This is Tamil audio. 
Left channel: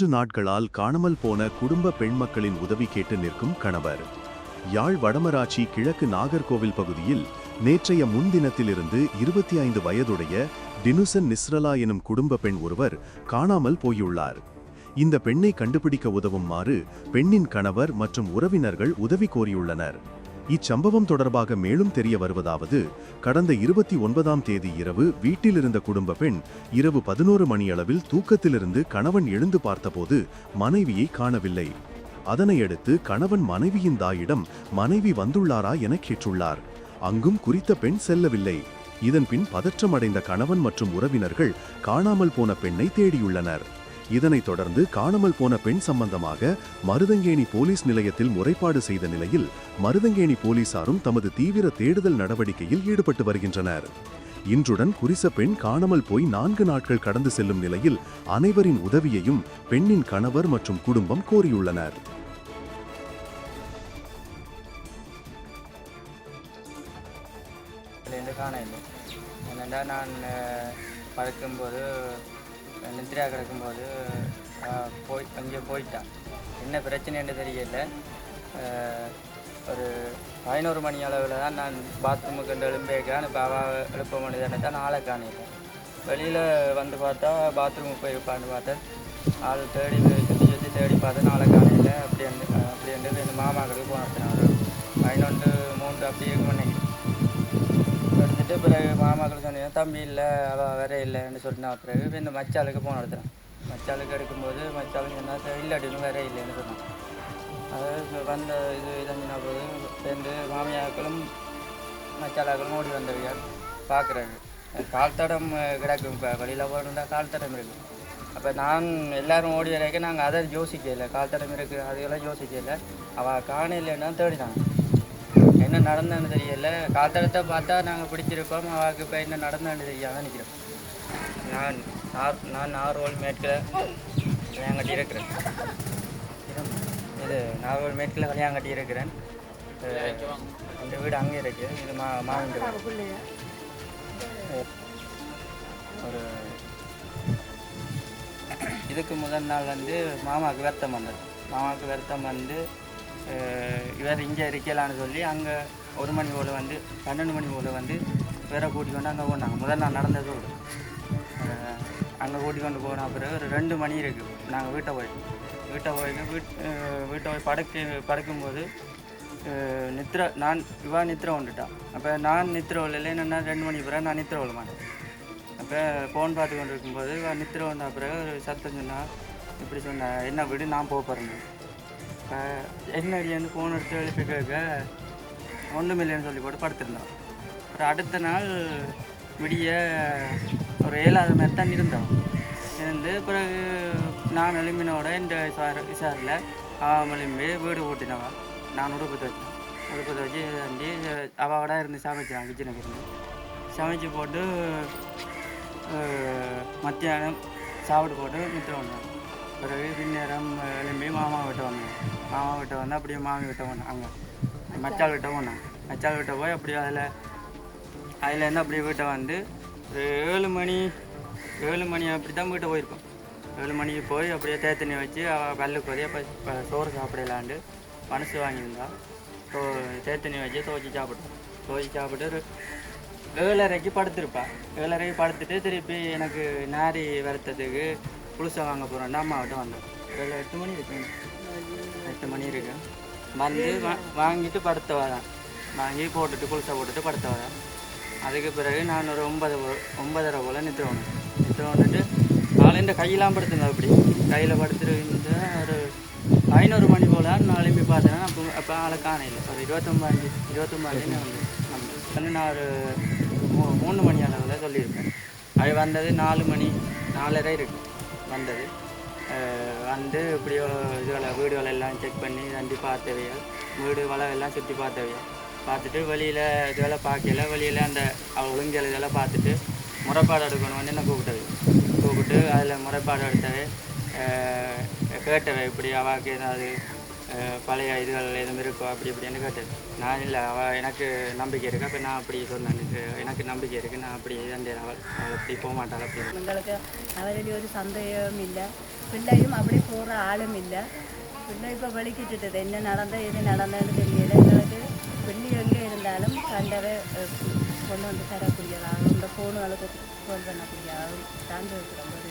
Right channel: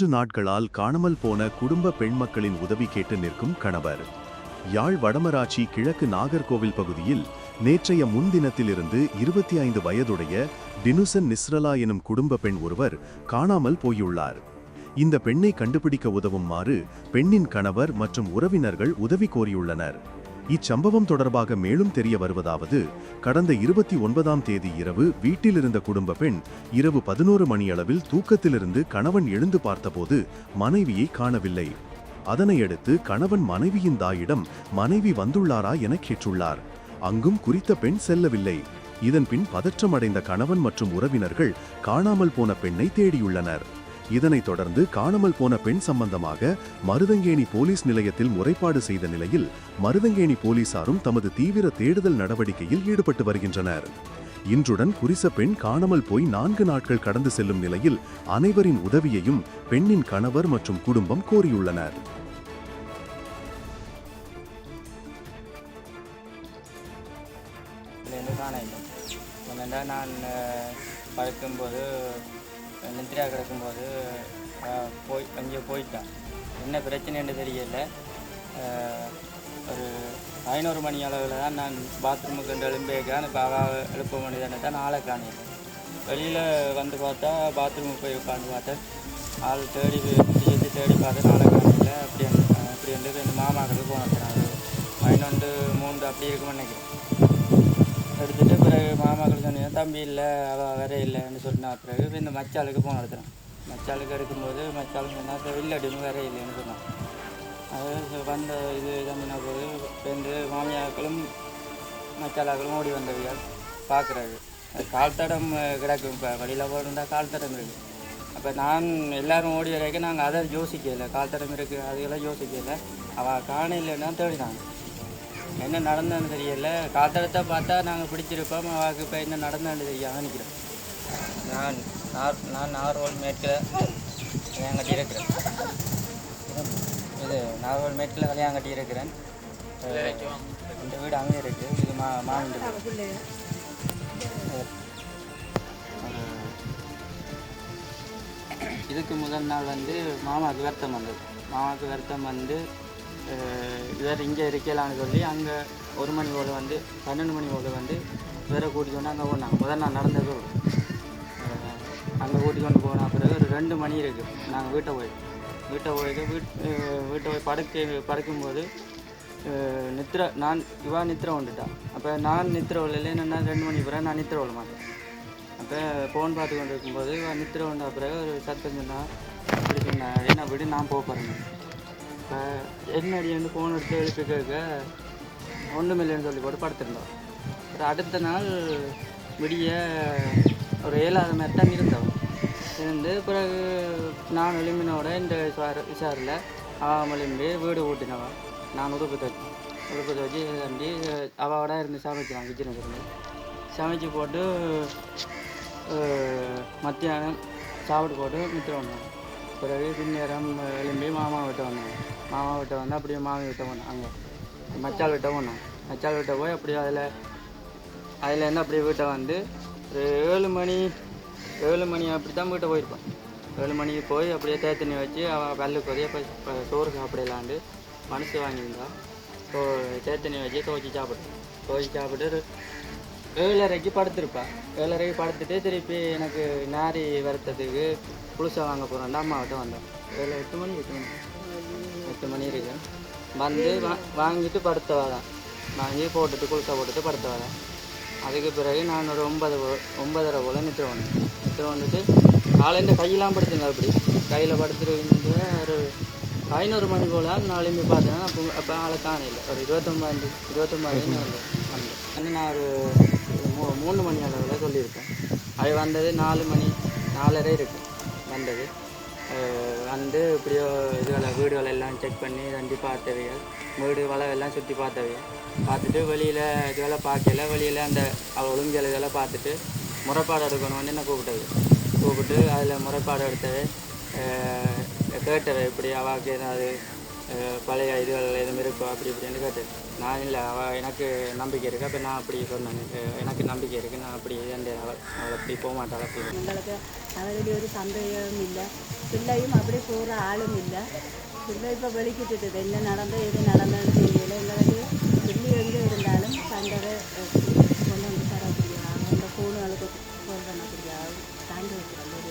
மூன்று நாட்களால் காணாமல் போன குடும்ப பெண் மக்களின் உதவி கேட்டு நிற்கும் கணவர். யாழ் வடமராட்சி கிழக்கு நாகர்கோவில் பகுதியில் நேற்றைய முன்தினத்திலிருந்து இருபத்தி ஐந்து வயதுடைய டினுசன் நிஸ்ரலா எனும் குடும்ப பெண் ஒருவர் காணாமல் போயுள்ளார். இந்த பெண்ணை கண்டுபிடிக்க உதவுமாறு பெண்ணின் கணவர் மற்றும் உறவினர்கள் உதவி கோரியுள்ளனர். இச்சம்பவம் தொடர்பாக மேலும் தெரிய வருவதாவது கடந்த இருபத்தி ஒன்பதாம் தேதி இரவு வீட்டிலிருந்த குடும்ப பெண் இரவு பதினோரு மணியளவில் தூக்கத்திலிருந்து கணவன் எழுந்து பார்த்தபோது மனைவியை காணவில்லை. அதனையடுத்து கணவன் மனைவியின் தாயிடம் மனைவி வந்துள்ளாரா என கேட்டுள்ளார். அங்கும் குறித்த பெண் செல்லவில்லை. இதன்பின் பதற்றமடைந்த கணவன் மற்றும் உறவினர்கள் காணாமல் போன பெண்ணை தேடியுள்ளனர். இதனைத் தொடர்ந்து காணாமல் போன பெண் சம்பந்தமாக மருதங்கேணி போலீஸ் நிலையத்தில் முறைப்பாடு செய்த நிலையில் மருதங்கேணி போலீசாரும் தமது தீவிர தேடுதல் நடவடிக்கையில் ஈடுபட்டு வருகின்றனர். இன்றுடன் குறித்த பெண் காணாமல் போய் நான்கு நாட்கள் கடந்து செல்லும் நிலையில் அனைவரின் உதவியையும் பெண்ணின் கணவர் மற்றும் குடும்பம் கோரியுள்ளனர். காண இல்லை என்னென்னா நான் பழக்கும்போது படுக்கும்போது கிடக்கும்போது போய் அங்கே போயிட்டான் என்ன பிரச்சனைன்னு தெரியல. ஒரு பதினோரு மணி அளவில் தான் நான் பாத்ரூமுக்கு வந்து எழும்பேக்கான் இப்போ அவ எழுப்ப வேண்டியதானே தான் ஆளை காணையில் வெளியில் வந்து பார்த்தா பாத்ரூமுக்கு போயிருப்பான்னு பார்த்தேன். ஆள் தேடி சுற்றி சுற்றி தேடி பார்த்தேன். நாளை காணையில். அப்படி வந்து அப்படி வந்து எங்கள் மாமாக்களுக்கு போனேன் பதினொன்று மூன்று அப்படி இருக்கும்னு நினைக்கிறேன். எடுத்துட்டு பிறகு மாமாக்கள் சொன்னீங்க தம்பி இல்லை அவள் வேற இல்லைன்னு சொன்னா பிறகு இந்த மச்சாளுக்கு போன எடுத்துறான் மச்சாளுக்கு எடுக்கும்போது மச்சாளும் இல்லை இல்லடின்னு வேற இல்லைன்னு சொன்னான் அது வந்த இது தம்பினா போது ரெண்டு மாமியாக்களும் மச்சாளாக்களும் ஓடி வந்தவையால் பார்க்குறாரு கால் தடம் கிடக்கும் இப்போ வழியில் போகிறதா கால் தடம் இருக்குது அப்போ நான் எல்லாரும் ஓடி வரைக்கும் நாங்கள் அதை யோசிக்கலை. கால் தடம் இருக்குது அதுக்கெல்லாம் யோசிக்கலை. அவள் காண இல்லைன்னா தேடினாங்க. என்ன நடந்தான்னு தெரியல. காத்தடத்தை பார்த்தா நாங்கள் பிடிச்சிருப்போம் வாக்கு இப்போ என்ன நடந்தான்னு தெரியாமல் நிற்கிறோம் நான் நார் நான் நார்வல் மேட்கில் கல்யாணம் கட்டி இருக்கிறேன். இது நார்வோல் மேட்கில் கல்யாணம் கட்டி இருக்கிறேன் இந்த வீடு அங்கே இருக்குது இது மா மாவின் வீடு. ஒரு இதுக்கு முதல் நாள் வந்து மாமாவுக்கு வருத்தம் வந்தது. மாமாவுக்கு வருத்தம் வந்து இவர் இங்கே இருக்கலான்னு சொல்லி அங்கே ஒரு மணி போல் வந்து பன்னெண்டு மணி போல் வந்து இவரை கூட்டிக்கொண்டு அங்கே போனாங்க. முதல் நான் நடந்தது அங்கே கூட்டிக்கொண்டு போன பிறகு ஒரு ரெண்டு மணி இருக்குது நாங்கள் வீட்டை போய். வீட்டை போய் வீட் வீட்டை போய் படுக்க படுக்கும்போது அஹ், நித்ரா நான் இவா நித்ரா வந்துட்டான் அப்போ நான் நித்ரா இல்லை என்னென்னா ரெண்டு மணி பிறகு நான் நித்ரா விட மாட்டேன். அப்போ ஃபோன் பார்த்து கொண்டு இருக்கும்போது இவன் நித்திர வந்த பிறகு ஒரு சத்தம் சொன்னா இப்படி சொன்னா என்ன விடு நான் போக போகிறேன் இப்போ வந்து ஃபோன் எடுத்து எழுப்பி கேட்க ஒன்றுமில்லைன்னு சொல்லி போட்டு படுத்திருந்தோம். அப்புறம் அடுத்த நாள் விடிய ஒரு ஏழாவது மாதிரி தான் இருந்தோம். இருந்து பிறகு நான் எழும்பினோட இந்த விசார விசாரில் அவன் எழும்பி வீடு ஊட்டினவன் நான் உடுப்பு தச்சேன் உடுப்பு தச்சு தண்டி அவளோட இருந்து சமைச்சான் கிச்சனுக்கு இருந்து. சமைச்சு போட்டு மத்தியானம் சாப்பிட்டு போட்டு மித்திரம் வந்தோம் பிறகு பின்னேரம் மாமா கிட்ட வந்து அப்படியே மாமி கிட்ட போனேன். அங்கே மச்சால் கிட்ட போனேன். மச்சால் கிட்ட போய் அப்படியே அதில் அதுலேருந்து அப்படியே வீட்டை வந்து ஒரு ஏழு மணி ஏழு மணி அப்படி தான் வீட்டை போயிருப்போம். ஏழு மணிக்கு போய் அப்படியே தேத்தண்ணி வச்சு அவள் பல்லுக்கு வரைய சோறு சாப்பிடலாண்டு மனசு வாங்கியிருந்தா. ஸோ தேத்தண்ணி வச்சு துவச்சி சாப்பிட்டோம் துவச்சி சாப்பிட்டு ஒரு ஏழரைக்கு படுத்திருப்பா. ஏழரைக்கு படுத்துட்டு திருப்பி எனக்கு நாரி வறுத்ததுக்கு புதுசாக வாங்க போகிறோம்டா அம்மாவிட்ட வந்தோம். ஏழு எட்டு மணி எட்டு மணி. எட்டு மணி இருக்கு. வந்து வா வாங்கிட்டு படுத்தவா தான் வாங்கி போட்டுட்டு புதுசாக போட்டுட்டு படுத்தவா தான் அதுக்கு பிறகு நான் ஒரு ஒன்பது ஒன்பதரை போல் நிற்று வந்தேன் நிற்று வந்துட்டு காலையில் கையெல்லாம் படுத்துங்க அப்படி. கையில் படுத்துட்டு ஒரு ஐநூறு மணி போல் எழுப்பி பார்த்தேன் அப்போ அப்போ ஆளை காணையில் ஒரு இருபத்தொம்பது இருபத்தொம்பது வந்து வந்தேன். வந்து நான் ஒரு மூ மூணு மணி அளவில் சொல்லியிருக்கேன் அது வந்தது நாலு மணி நாலரை இருக்கு. வந்தது. வந்து இப்படியோ இதுகளை வீடுகள் எல்லாம் செக் பண்ணி தண்டி பார்த்தவையா வீடு வலை எல்லாம் சுற்றி பார்த்தவையா பார்த்துட்டு வெளியில் இதுவெல்லாம் பார்க்கல வெளியில் அந்த ஒழுங்கல் இதெல்லாம் பார்த்துட்டு முறைப்பாடு எடுக்கணும்னு என்ன கூப்பிட்டது. கூப்பிட்டு அதில் முறைப்பாடு எடுத்தவை கேட்டவை இப்படி அவாக்கு ஏதாவது பழைய இதுகள் எதுவும் இருக்கோ? அப்படி இப்படின்னு கேட்டு நான் இல்லை அவள் எனக்கு நம்பிக்கை இருக்கு. அப்போ நான் அப்படி சொன்னேன். எனக்கு எனக்கு நம்பிக்கை இருக்குது நான் அப்படி இதண்டே அவள் அவள் அப்படி போக மாட்டாள் அப்படி. எங்களுக்கு அவரில் ஒரு சந்தேகமும் இல்லை. பிள்ளையும் அப்படி போகிற ஆளும் இல்லை. பிள்ளை இப்போ வெளிக்கிட்டுது என்ன நடந்தது எது நடந்ததுன்னு தெரியல. எங்களுக்கு பிள்ளை எங்கே இருந்தாலும் சண்டவே கொண்டு வந்து தரக்கூடியதாக இந்த ஃபோனுகளுக்கு ஃபோன் பிடிக்காது தாண்டி வைக்கிறோம் ஒரு